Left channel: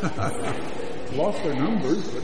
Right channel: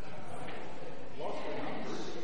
Lost their numbers, but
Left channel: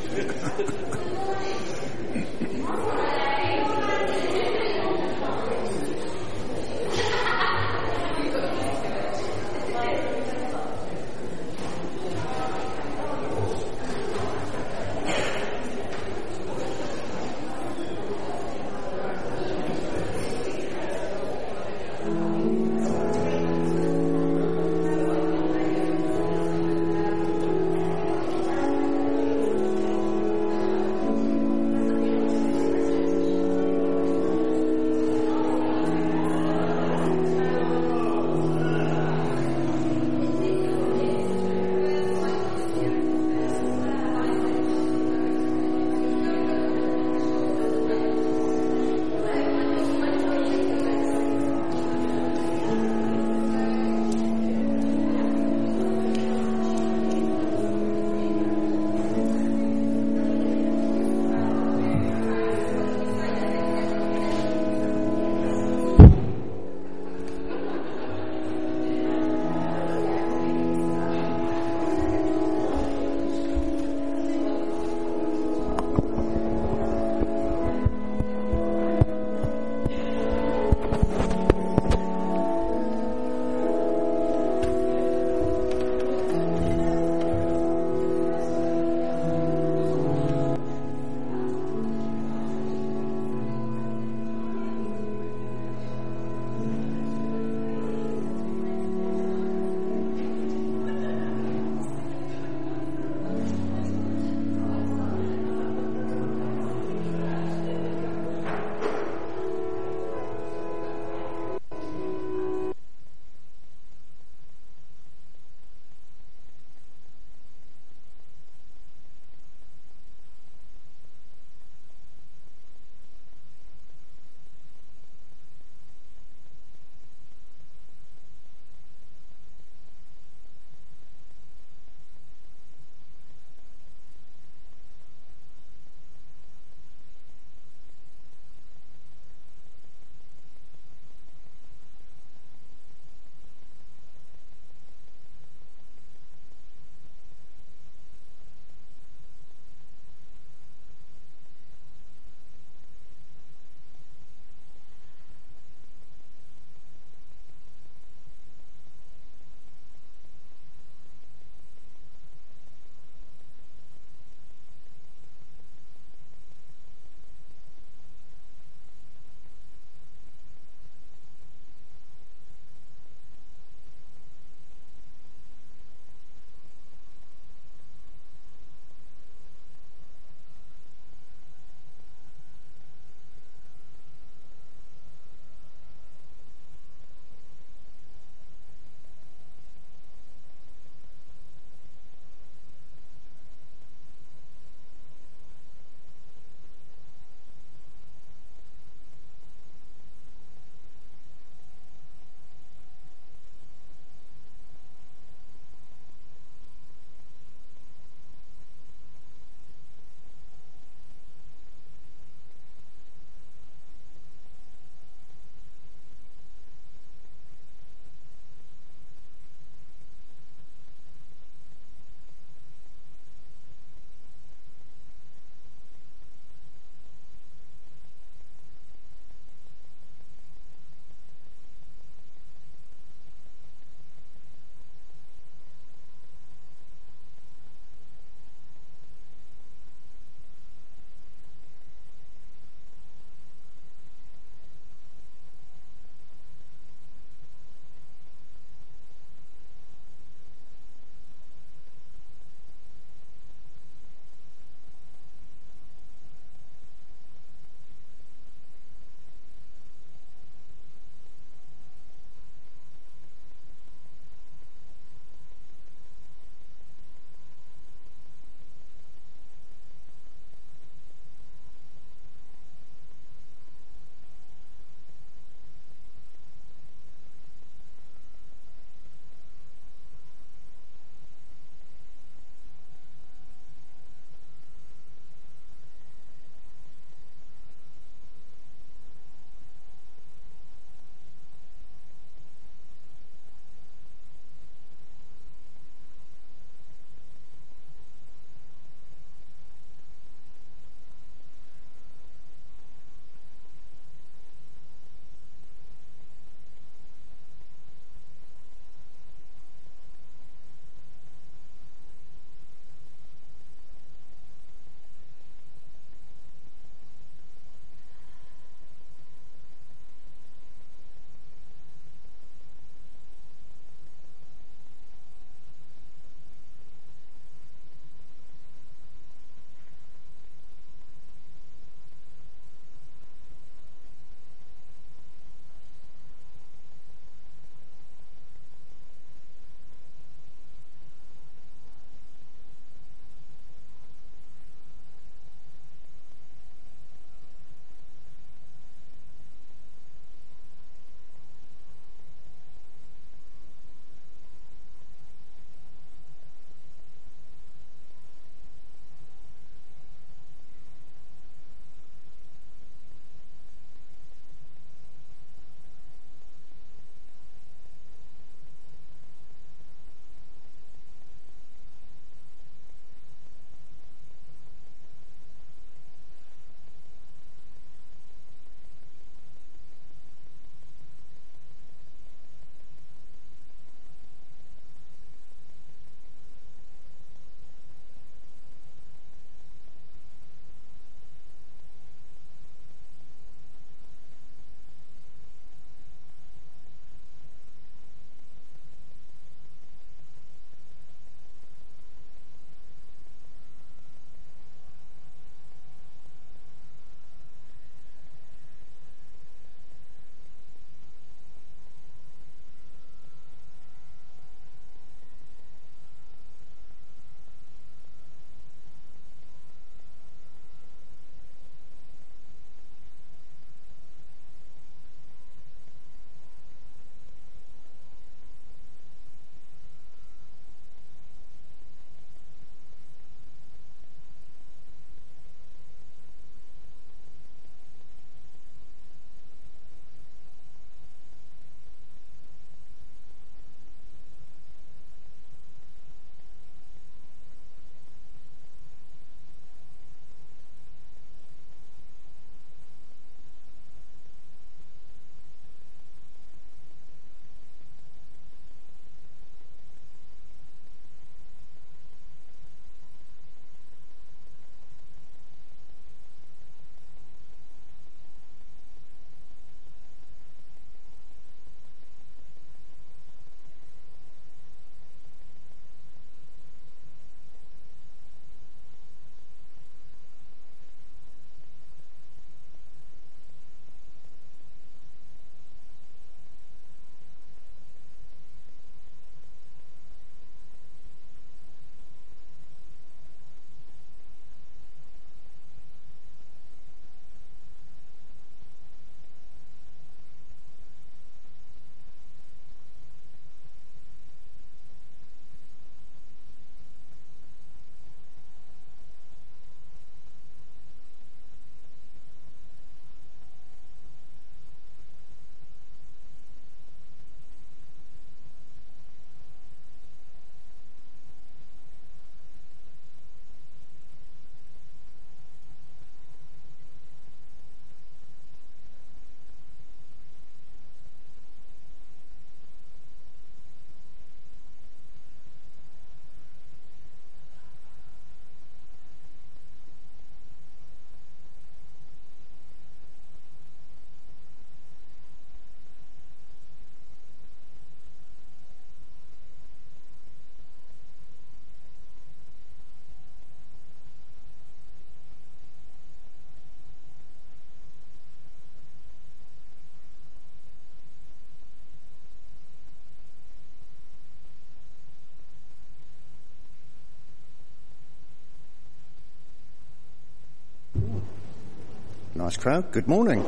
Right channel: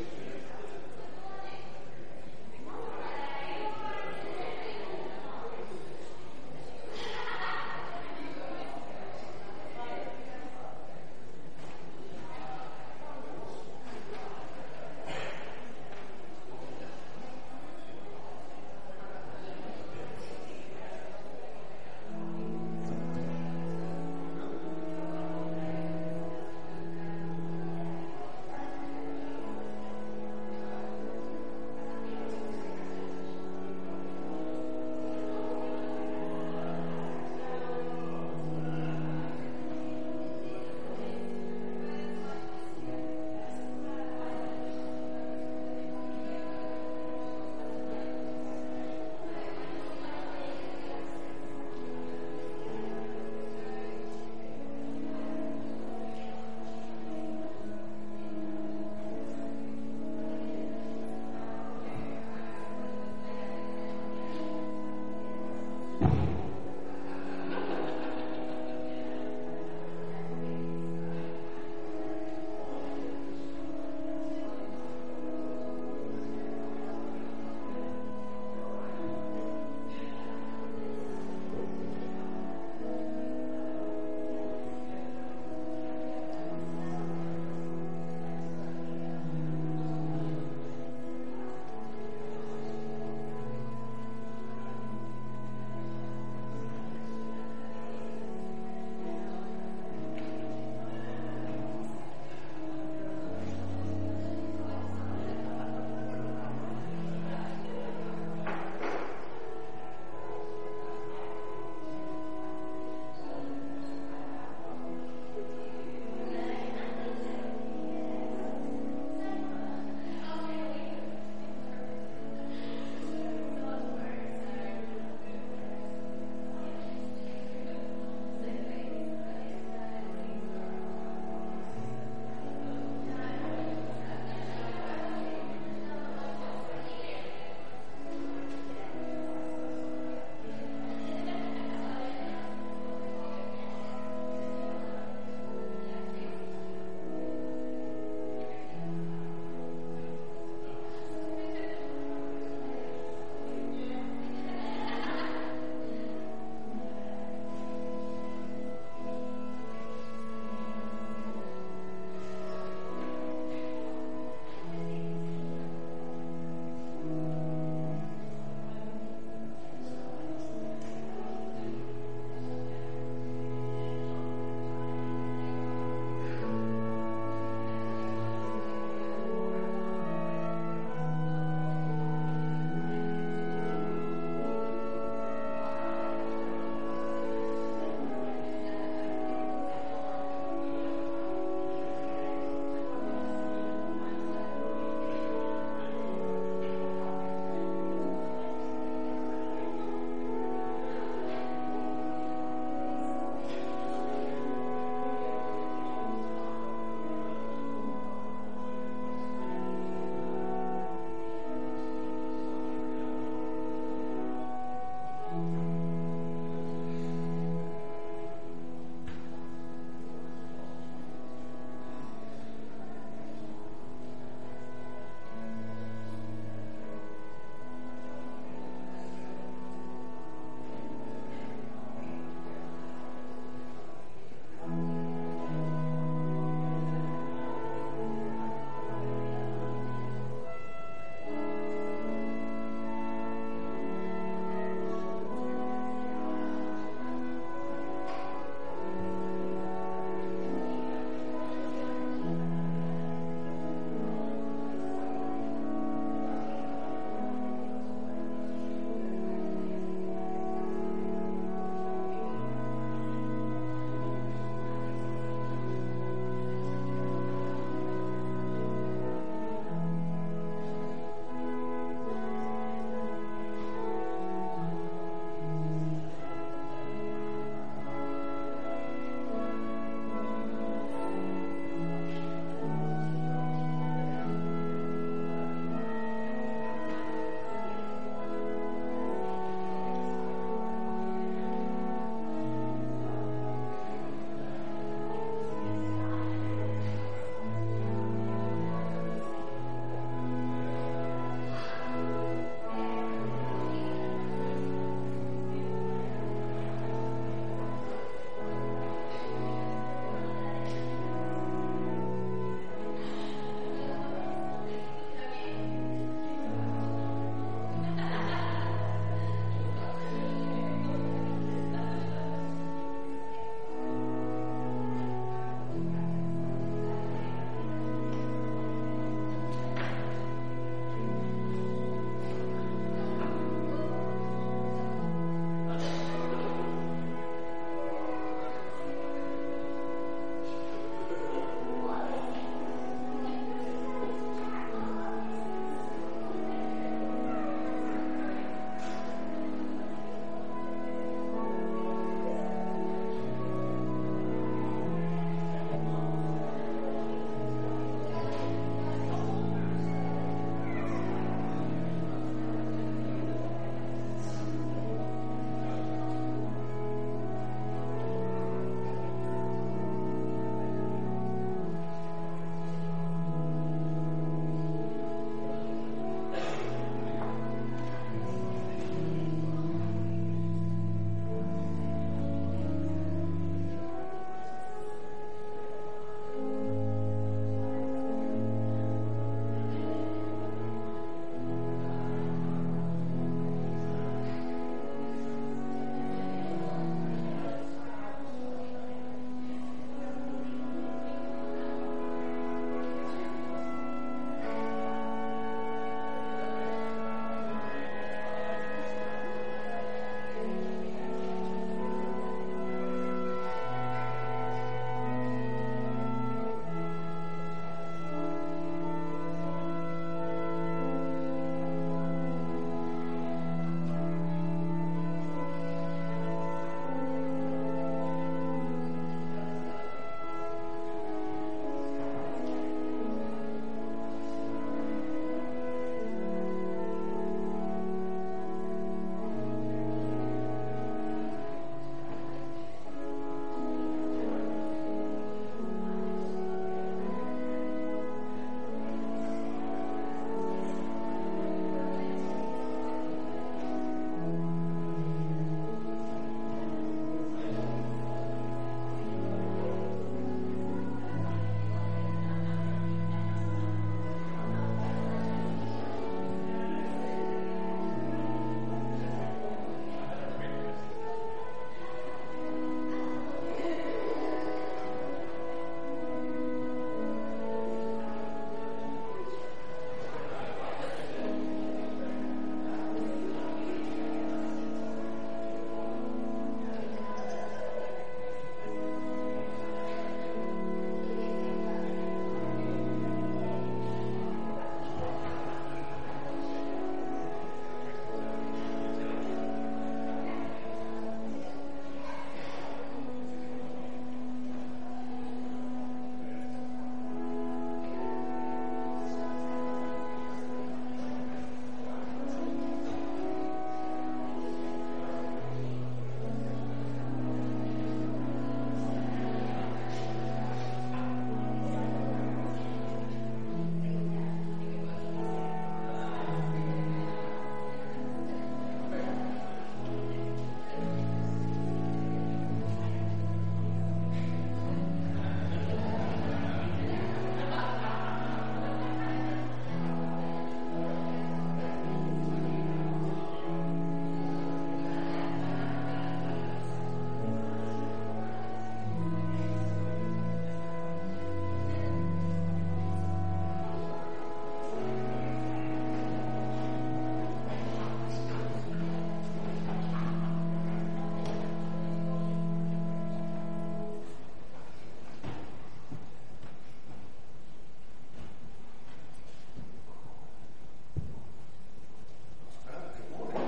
Nice crowd. Good morning.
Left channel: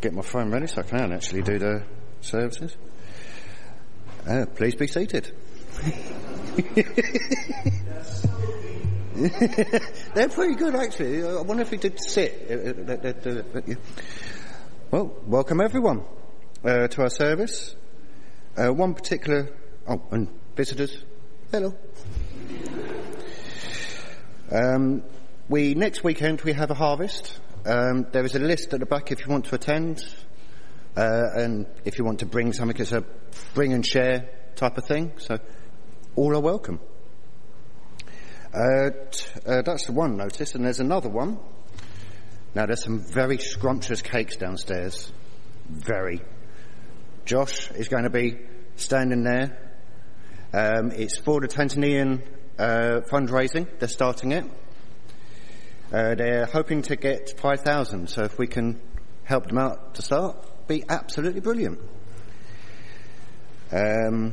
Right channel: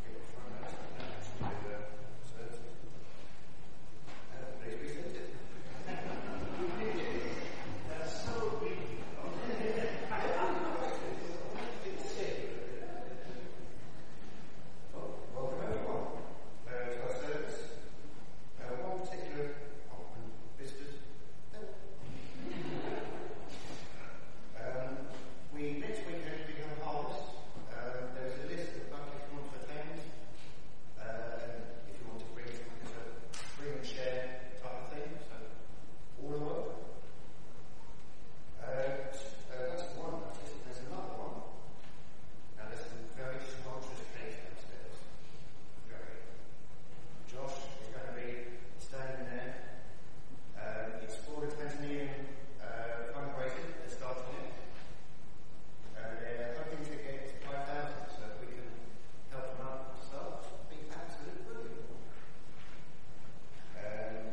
Get my phone ready so I can actually do the services. Please be seated. They're pretty good, actually. I wonder if we did sit. Well, welcome everyone to our service. One particular... Oh, and visitors. Hello. Next weekend we have a harvest. There is a list at the back if you want to attend, and if you want to bring something, it's a bring and share type of thing. So all are welcome. That's the one notice, and there's another one. Now there's some very scrumptious cakes downstairs. Very. Josh is going to be standing there. It's for the Tanzanian fundraising. They're starting it. They're hoping to get 5,000, so if we can help them out to start, be absolutely brilliant. I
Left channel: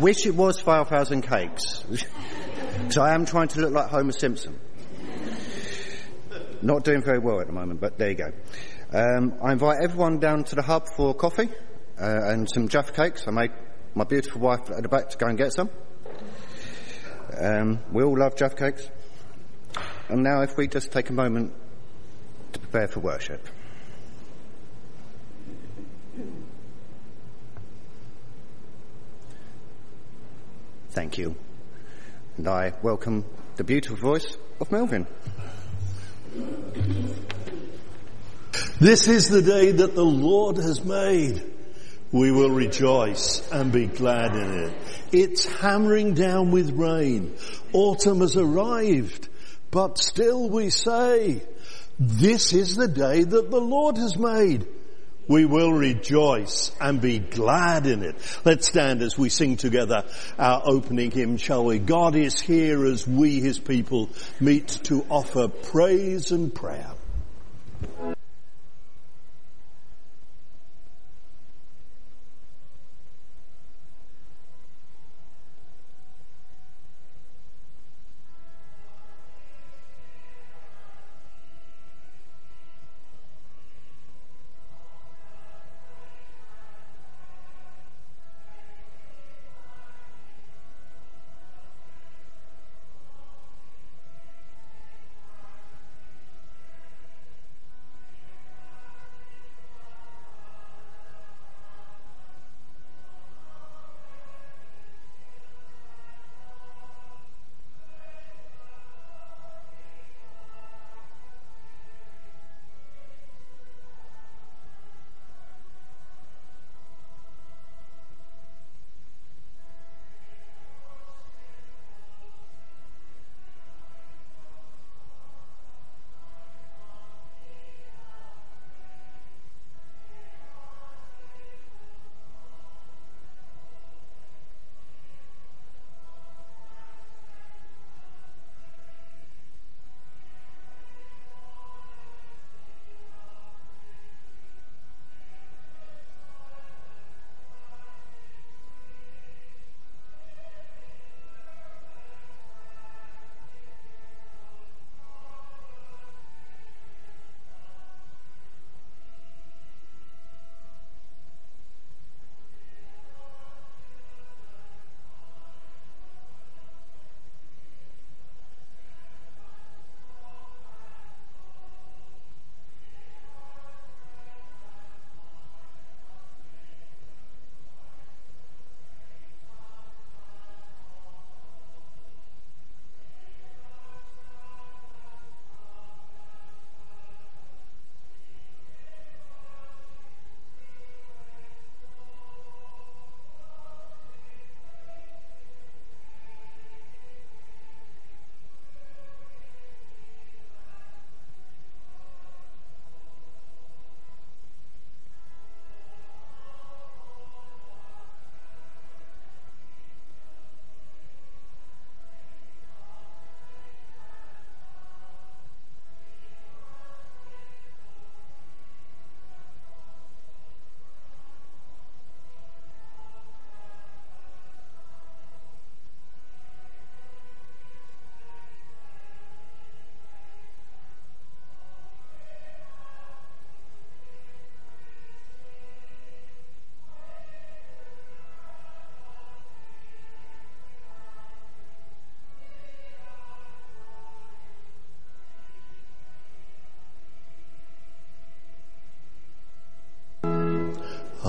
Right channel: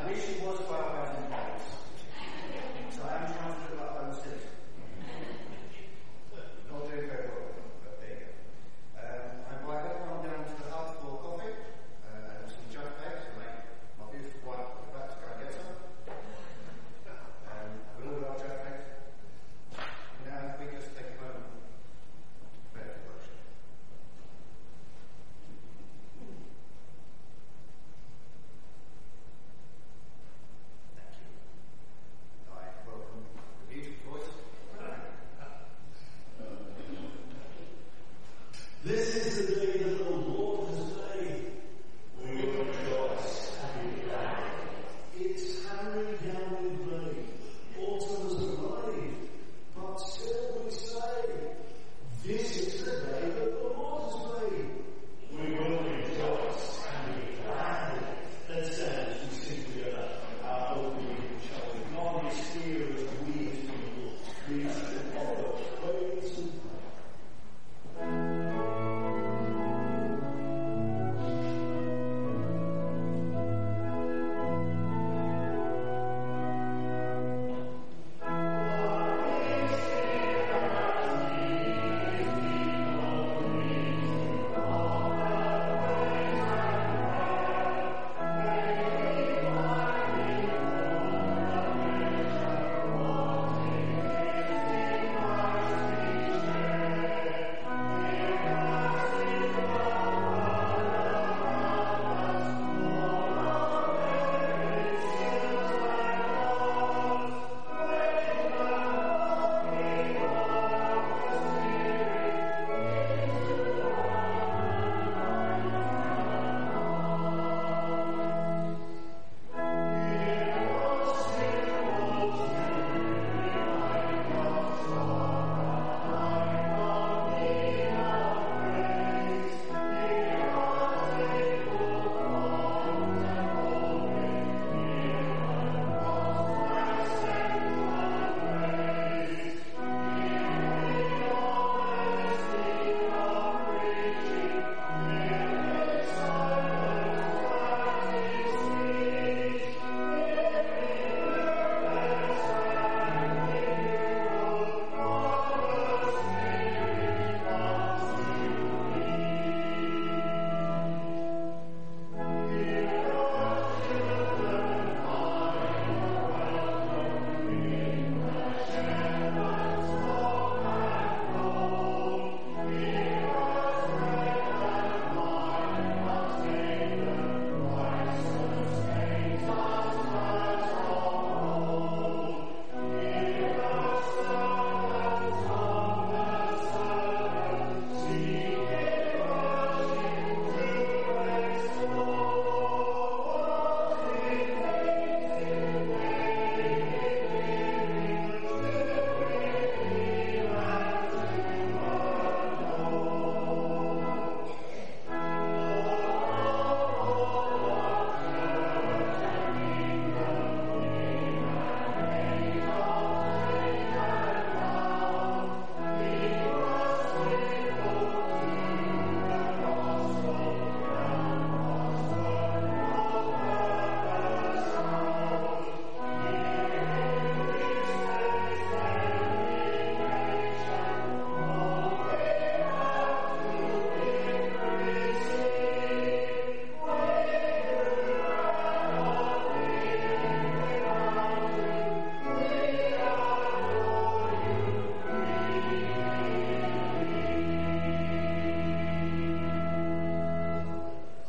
wish it was 5,000 cakes, because I am trying to look like Homer Simpson. Not doing very well at the moment, but there you go. I invite everyone down to the hub for coffee and some Jaffa cakes. I made my beautiful wife at the back to go and get some. We all love Jaffa cakes. And now if we just take a moment to prepare for worship. Thank you. And I welcome the beautiful voice of Melvin. This is the day that the Lord has made. We will rejoice and be glad in it. It's hammering down with rain. Autumn has arrived, but still we say, this is the day that the Lord has made. We will rejoice and be glad in it. Let's stand as we sing together our opening hymn, shall we? God is here as we, his people, meet to offer praise and prayer.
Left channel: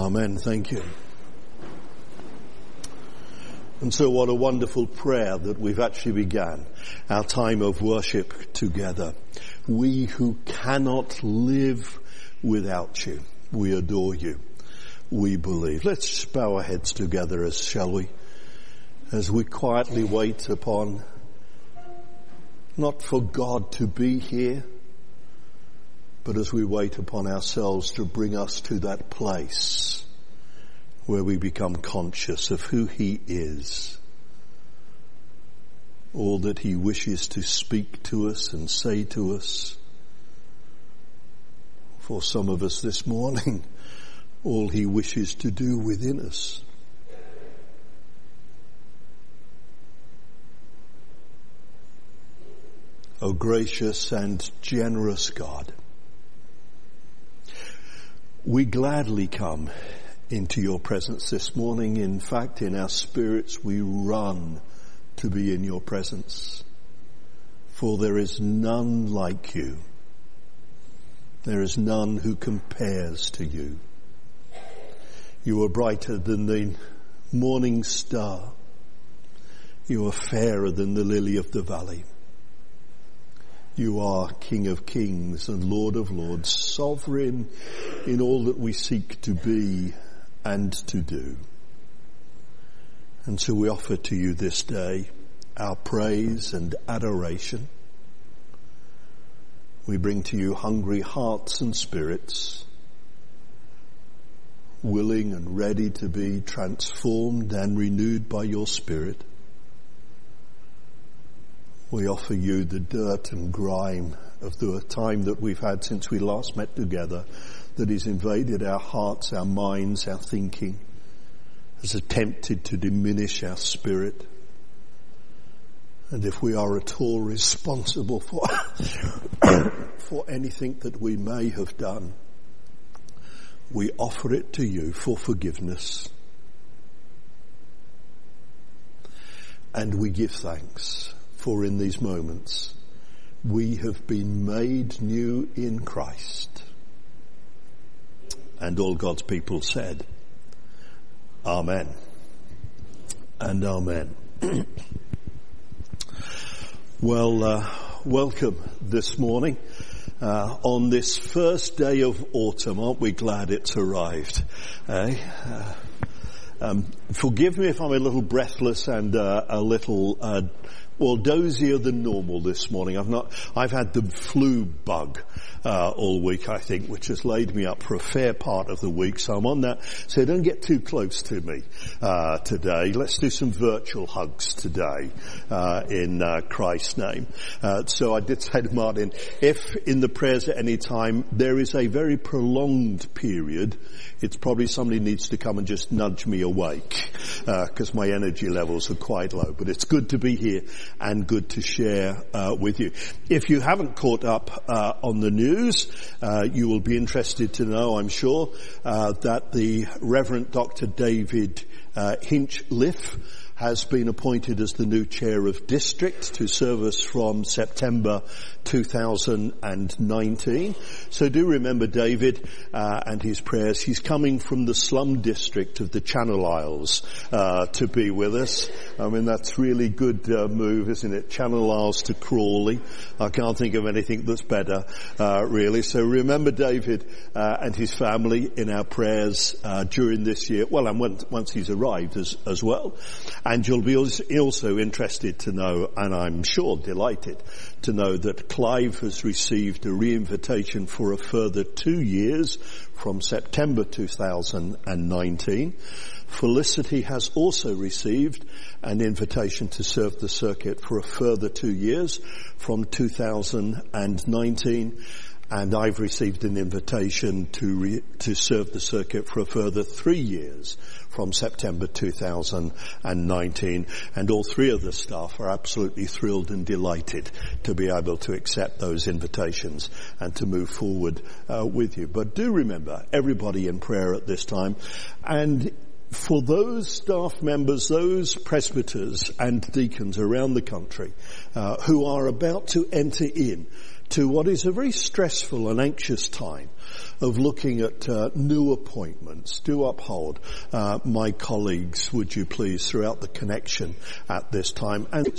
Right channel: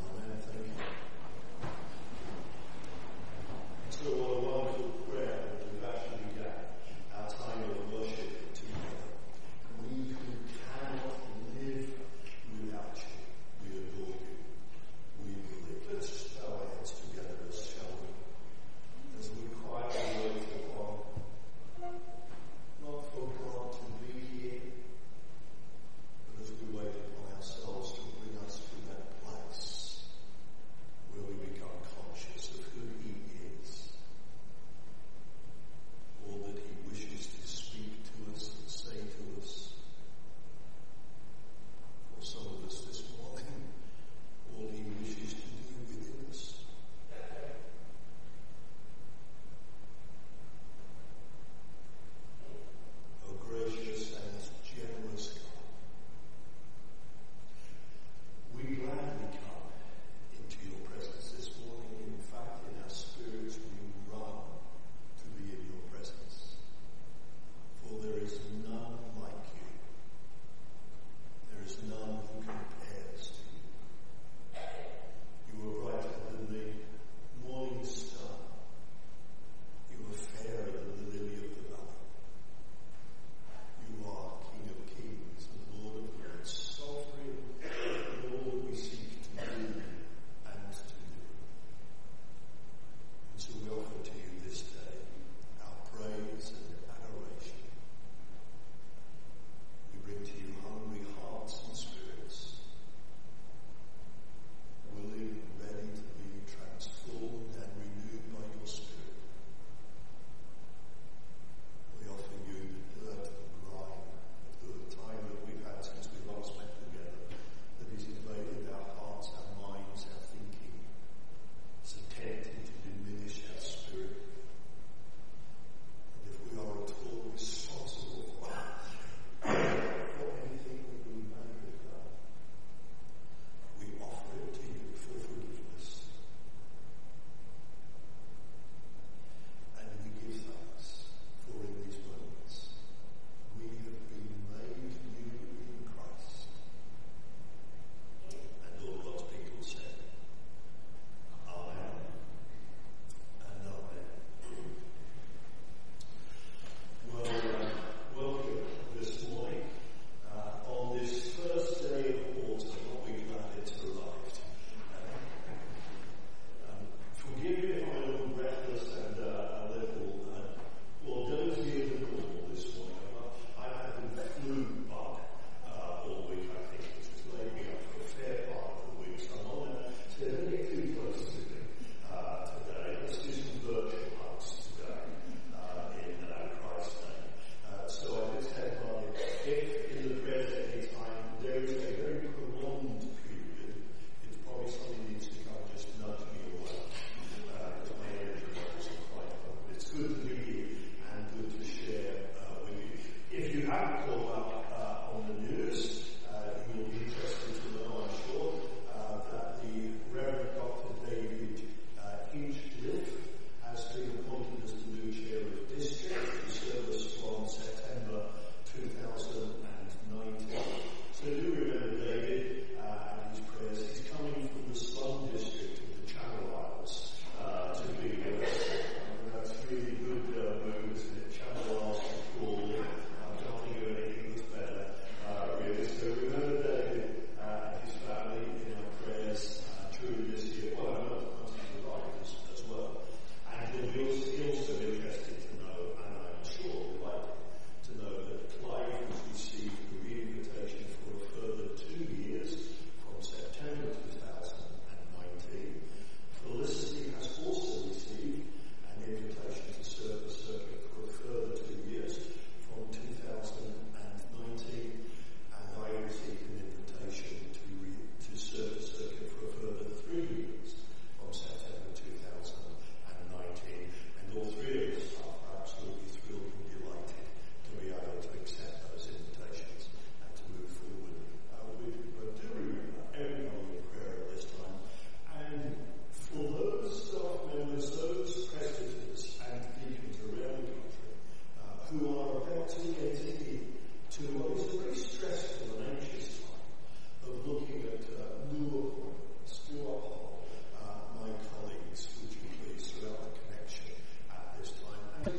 Amen. Thank you. And so what a wonderful prayer that we've actually began our time of worship together. We who cannot live without you, we adore you. We believe. Let's bow our heads together, shall we? As we quietly wait upon, not for God to be here, but as we wait upon ourselves to bring us to that place where we become conscious of who he is, all that he wishes to speak to us and say to us. For some of us this morning, all he wishes to do within us. O gracious and generous God, we gladly come into your presence this morning. In fact, in our spirits, we run to be in your presence. For there is none like you. There is none who compares to you. You are brighter than the morning star. You are fairer than the lily of the valley. You are King of kings and Lord of lords, sovereign in all that we seek to be and to do. And so we offer to you this day our praise and adoration. We bring to you hungry hearts and spirits, willing and ready to be transformed and renewed by your Spirit. We offer you the dirt and grime of the time that we've had since we last met together, that has invaded our hearts, our minds, our thinking, has attempted to diminish our spirit. And if we are at all responsible for anything that we may have done, we offer it to you for forgiveness. And we give thanks, for in these moments we have been made new in Christ. And all God's people said, Amen and Amen. Well, welcome this morning on this first day of autumn. Aren't we glad it's arrived? Forgive me if I'm a little breathless and a little dozier than normal this morning. I've had the flu bug all week, I think, which has laid me up for a fair part of the week. So I'm on that. So don't get too close to me today. Let's do some virtual hugs today in Christ's name. So I did say to Martin, if in the prayers at any time there is a very prolonged period, it's probably somebody needs to come and just nudge me awake, because my energy levels are quite low. But it's good to be here and good to share with you. If you haven't caught up on the news, you will be interested to know, I'm sure, that the Reverend Dr. David Hinchliffe has been appointed as the new chair of district to serve us from September 2019. So do remember David and his prayers. He's coming from the slum district of the Channel Isles to be with us. I mean, that's really good move, isn't it? Channel Isles to Crawley. I can't think of anything that's better, really. So remember David and his family in our prayers during this year. Well, and once he's arrived as well. And you'll be also interested to know, and I'm sure delighted to know, that Clive has received a re-invitation for a further 2 years from September 2019. Felicity has also received an invitation to serve the circuit for a further 2 years from 2019. And I've received an invitation to serve the circuit for a further 3 years from September 2019. And all three of the staff are absolutely thrilled and delighted to be able to accept those invitations and to move forward with you. But do remember, everybody in prayer at this time. And for those staff members, those presbyters and deacons around the country who are about to enter in to what is a very stressful and anxious time of looking at new appointments. Do uphold my colleagues, would you please, throughout the connection at this time. And